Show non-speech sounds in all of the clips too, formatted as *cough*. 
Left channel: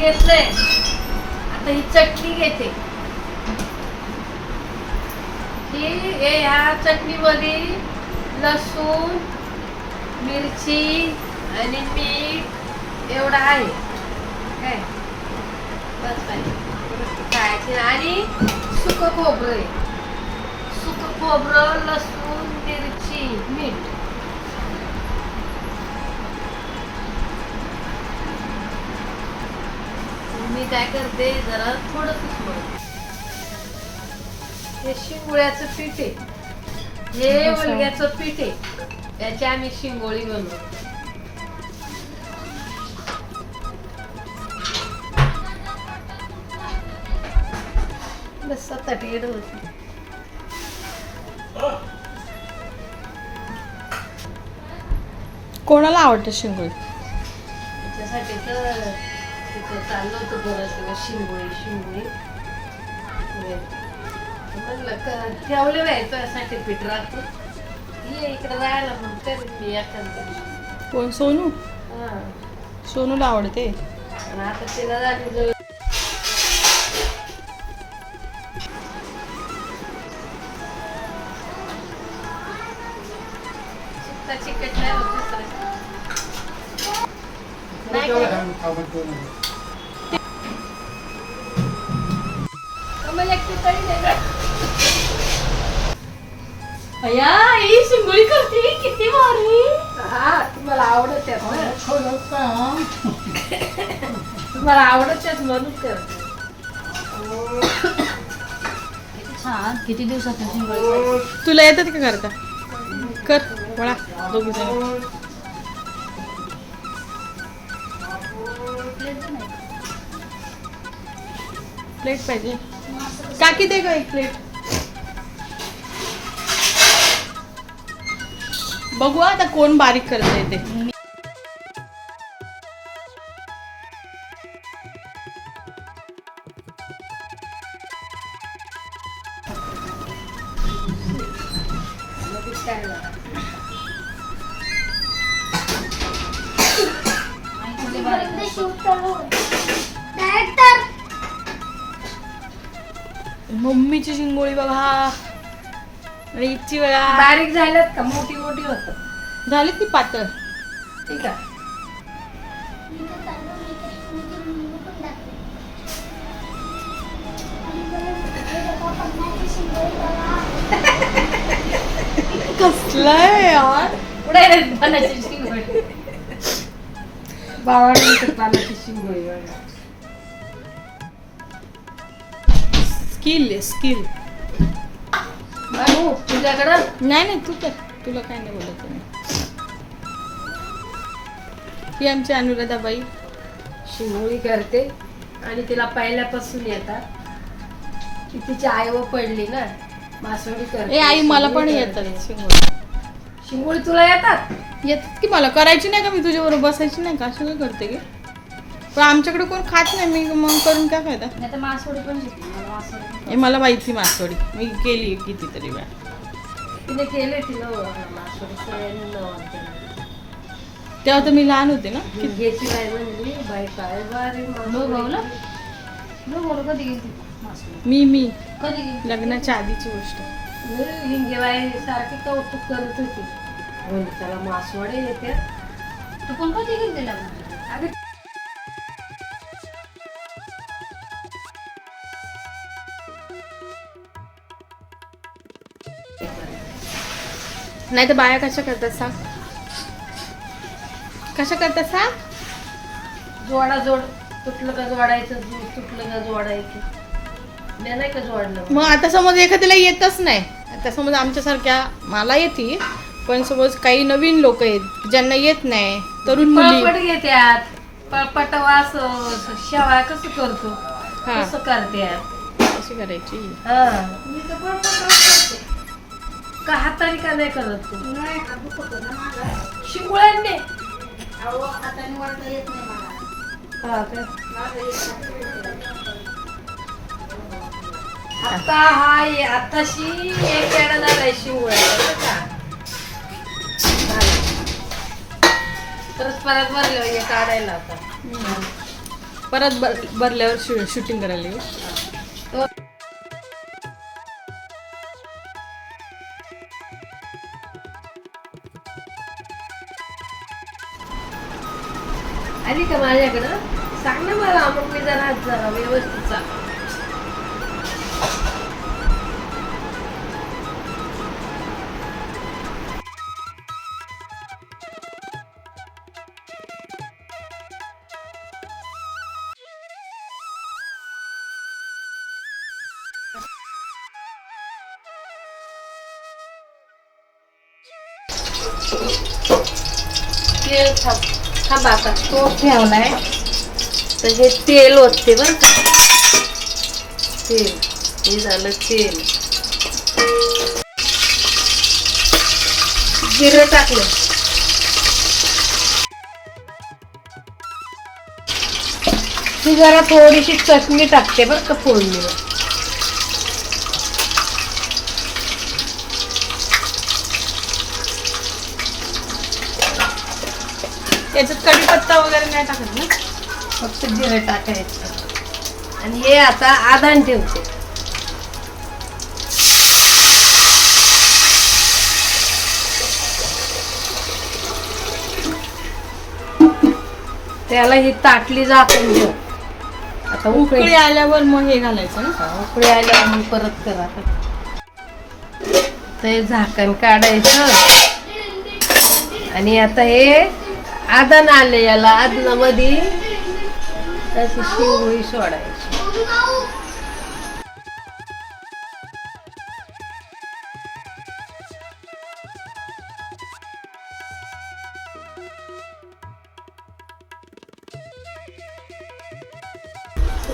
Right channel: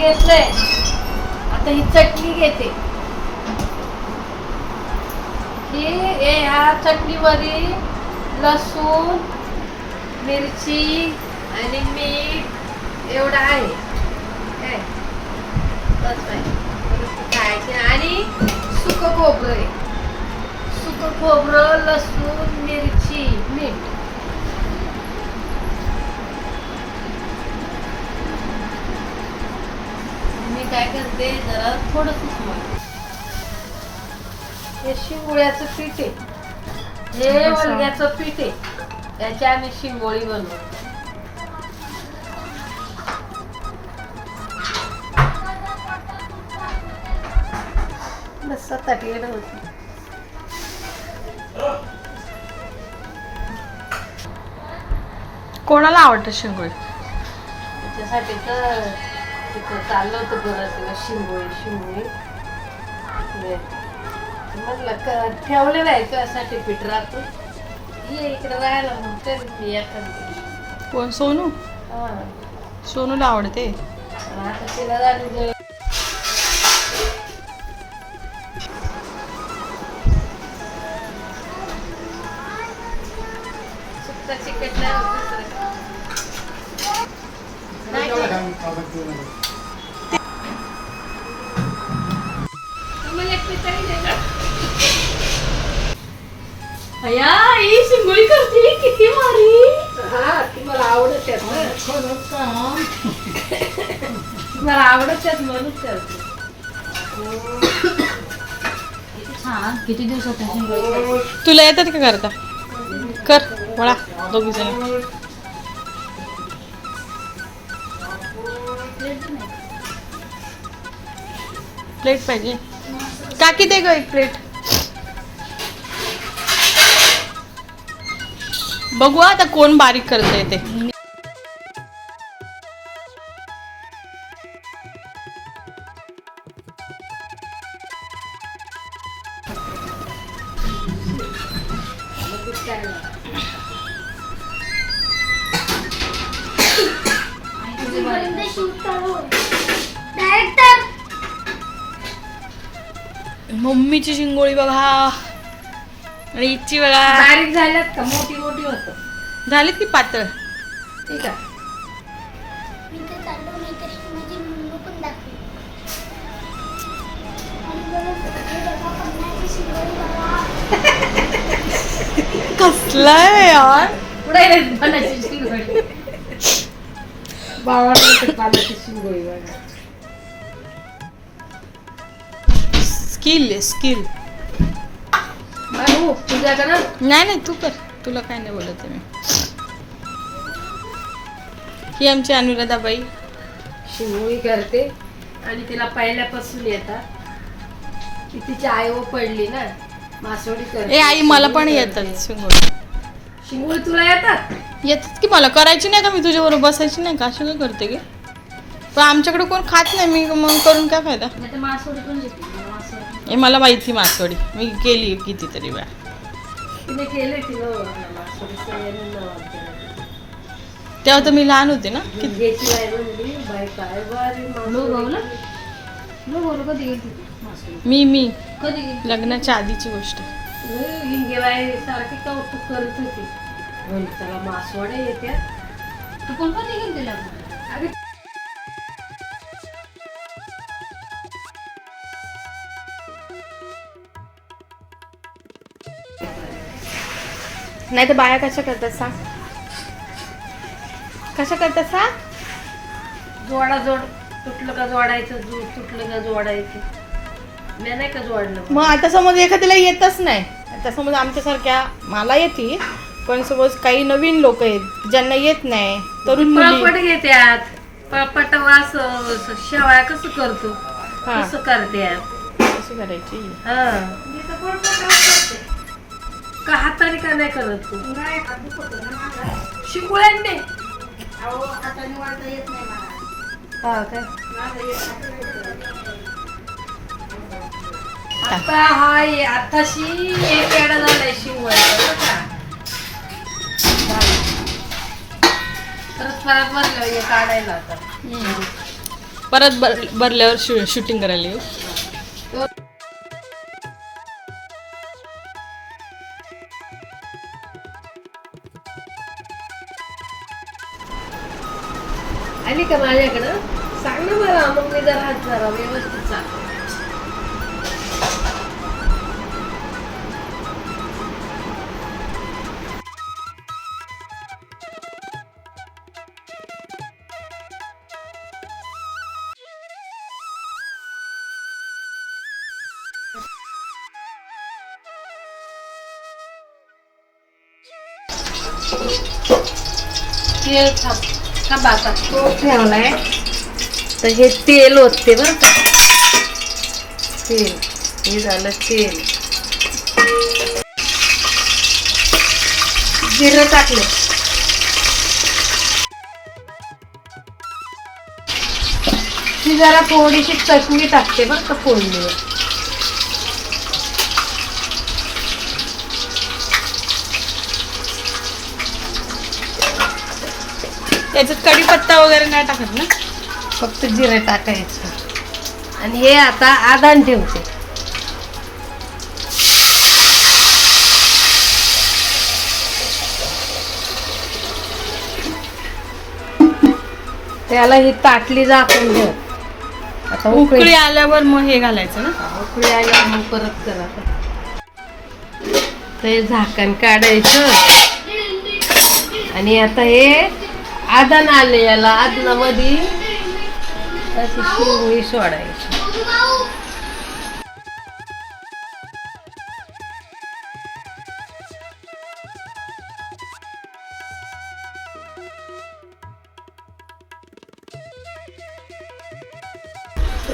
घेतलंय. आता ही चटणी घेते. ही हे ह्या चटणीमध्ये लसूण मिरची आणि मीठ एवढं आहे. हे. बस खायचे. आणि सुक खोबरं आहे. सुक खोबरं लसूण मिरची मीठ. मी काय करते जरा थोडं सुकवायचं हे शिंगोळ्याचं पीठ आहे. हे. वलग्याचं पीठ आहे. त्याची आम्ही शिंगोळी बनवतो बस आता टेढ होती कोणाला आवडतं शिंगोळी? त्याच्यासाठी तर तिथं चाललं होतं बरं शिंगोळी क ठेवलेलं आहे तुझ्यासाठी पीठ राहतो ये इकडे राहायला म्हणते मी एखादं कोण? सोनू? हां. सोनूला आवडते. आणि आता तिला झाली? आम्हाला एक पितळी दे गं. अय्या, ही शिंगोळी करते किती भारी. हा तुम्हाला आवडत तुम्हाला आवडत आहेत म्हणून करते. हा किती दिवसातून शिंगोळी तुला येतात का करता? कर वळा दोघी जण. प्लेट पाहिजे. काकी दे ग एक प्लेट. बघू आता कोण बारीक करते ते. मम्मीची शिंगोळी बघा. आणि हिची बघा. बारीक झाल्यात का? मोठी मोठी होत. झालीत की पातळ? ठीक आहे. कसलंय यार? पुढे रे पानाची शिंगोळी? *laughs* बावळ पानाची शिंगोळी बघा. स्किल स्किल बाबू तुझ्याकडं नाही नाही तू कर. तुला काय नाही बोलत आहे मी. ही आमची अनुराधाबाई. शिंगोळी करते आणि तिला पहिल्यापासून येतात की तिची आई व पडली ना मासोळी करते. ए आई मला पण येतात. शिंगोळी शिंगोळी तुला येतात? येतात की मला करायची नाही का? मी तुझ्याबरोबर बसायची नाही का? अशी काय करते की पण आमच्याकडे कोण खात नाही. मी मग करून काय फायदा? मला हे माहिती मासवडी. मी केली कितीतरी वेळा. केलं. तेव्हा तर मी लहान होते ना. मी मी. लग्नाच्या आधीची गोष्ट. करत होती. म्हणून त्याला मासवडे येते. नाही तर बाया कशा करतात सांग? कशा करतात सांग? जोडा जोड तुटलं का जोडायचं तुटलं का जोडायचं? मी नाही का जोडलं? मग आता समज एखाद्याला येतच नाही. आता समज आमच्यासारख्या मला येते पण समज काही नवीन लोक आहेत ज्यांना येत नाही तरुण मुली. घेत्यात. पळपट वास शेवाय कसं करतो? हा. कसं करत्यात? कशी करायची? हा. का हाताने का नाही करत तू? शिंगुळ्यांनी हा काय आता हा ये- आताशी एक झालाय झालं. परत परत भरलं हे काढायला आता. परत बर भरल्यावर शूटिंग करायला येऊ. आली का माझ्याकडं? सांग ना मला मग मी जरा जरा व्यवस्थित सांग. तेल थांब आता तो ठेवलाय. तर हे तेल ओतते बरं का. तेल हे झालं तेल. जिरे टाकले. ती जरा थोडीशी चटणी टाकते बरं का फोडणीवर. त्याच्यात कढीपत्ता वगैरे नाही टाकत ना? फक्त जिरे टाकायचं. आणि हे आता आदान ठेवते. त्याला ही ताटली झाकून ठेव. आता उकळी. आल्यावर मग हे घालायचं ना? उकळी आल्या मग परत करा. ते झाकण काढायचं. आणि आता हे आदान आले याला आदनामध्ये अशी शिंगोळी सोडायची.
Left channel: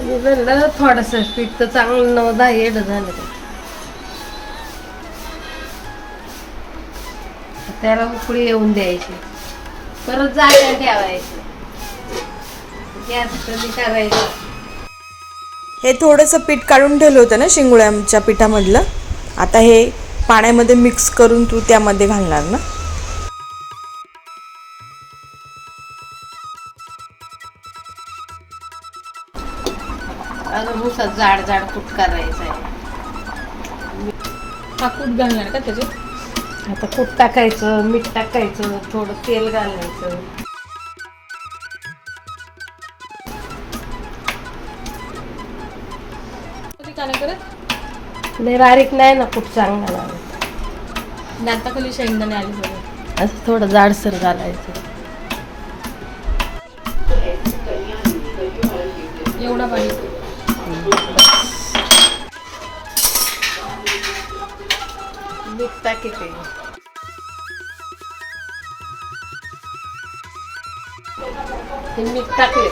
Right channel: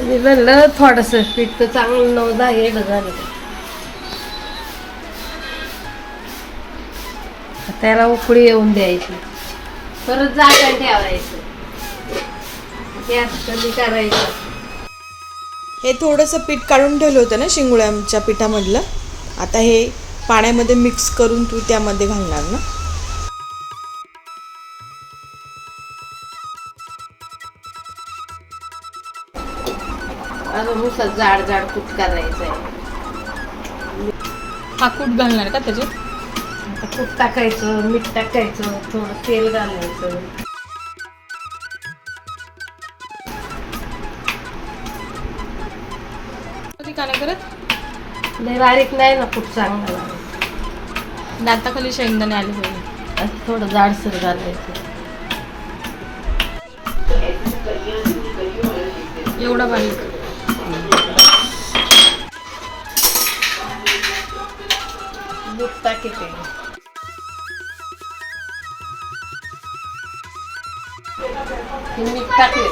मी म्हणलं थोडस पीठ तर चांगलं नऊ दहा येड झालं. त्याला उकळी येऊन द्यायची. परत जागा ठेवायची. गॅस कमी करायचा? हे थोडंसं पीठ काढून ठेवलं होतं ना शिंगोळ्याच्या पिठामधलं. आता हे पाण्यामध्ये मिक्स करून तू त्यामध्ये घालणार ना. अजून नुसतं जाड जाड कूट करायचंय. हा कूट घालणार का त्याच्यात? आता कूट टाकायचं मीठ टाकायचं थोडं तेल घालायचं. नाही करत? लय बारीक नाही ना कूट चांगला लागत दाताखाली शेंगदाणे आले पाहिजे असं थोडं जाडसर घालायचं. एवढा बारीक. मीठ टाकायचे मीठ टाकले.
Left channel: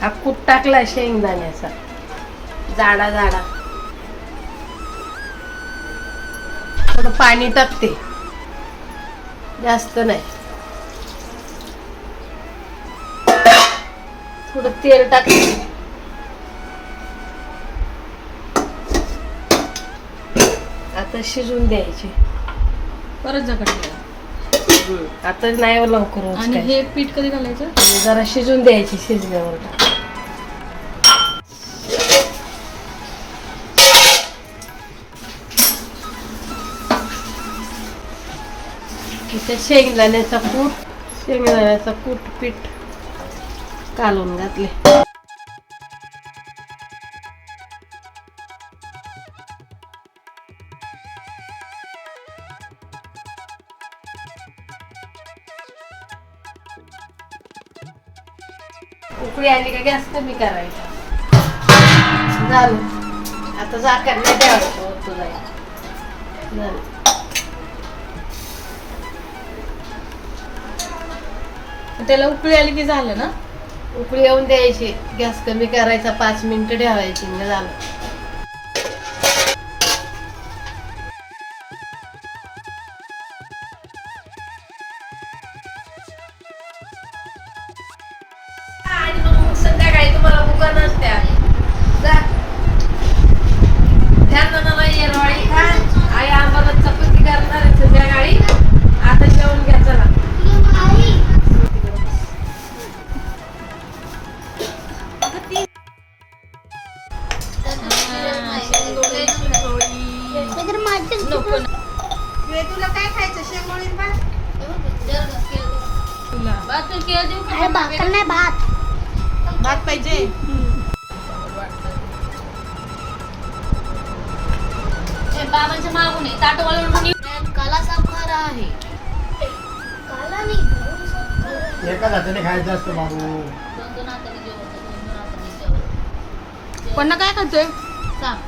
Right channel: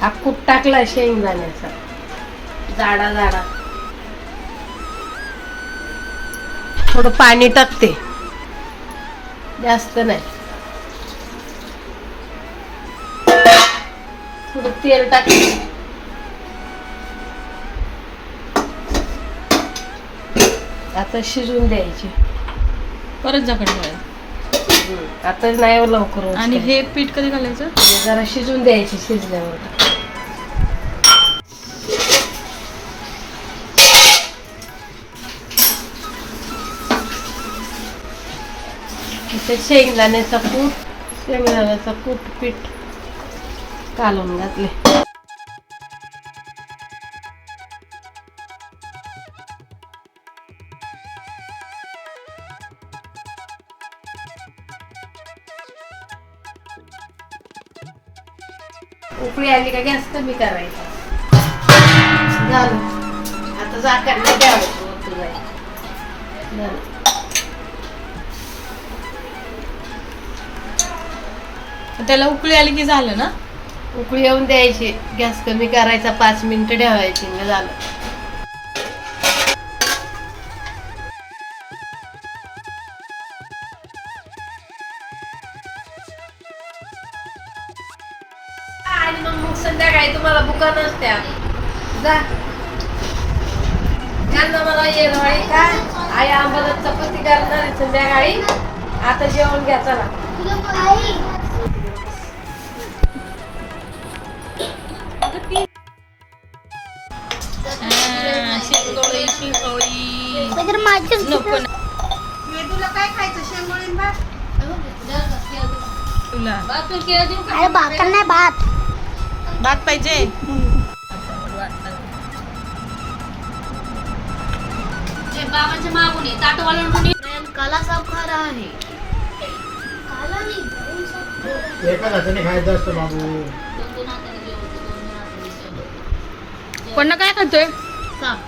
हा कूट टाकला शेंगदाण्याचा. जाडा जाडा. थोडं पाणी टाकते. जास्त नाही. थोडं तेल टाकते. आता शिजून द्यायची. परत ठेवायचं. आता नाही हो लवकर आणि. हे पीठ कधी घालायचं? जरा शिजून द्यायची शिजल्यावर. इथे शेंगदाण्याचा कूट शेंगदाण्याचा कूट पीठ कालून घातले उकळी आली का गॅस कमी करायचा. झालं. आता झाकण नाही ठेवायचं वरतून जाईल. झालं. त्याला उकळी आली की झालं ना? उकळी येऊन द्यायची. गॅस कमी करायचा पाच मिनिटं ठेवायची. झालं. तुम्हाला बुका नसत्या जा. त्यांना मला येरवाळी का आई आम्हाला चपाती करणार आहे संध्याकाळी. आता जेवण घ्या चला. पाहिजे. हे बाबांच्या मागून काला है काला नाही हाताने खायचं असतं बाबू. जेवायचं. पण काय खातोय? सांग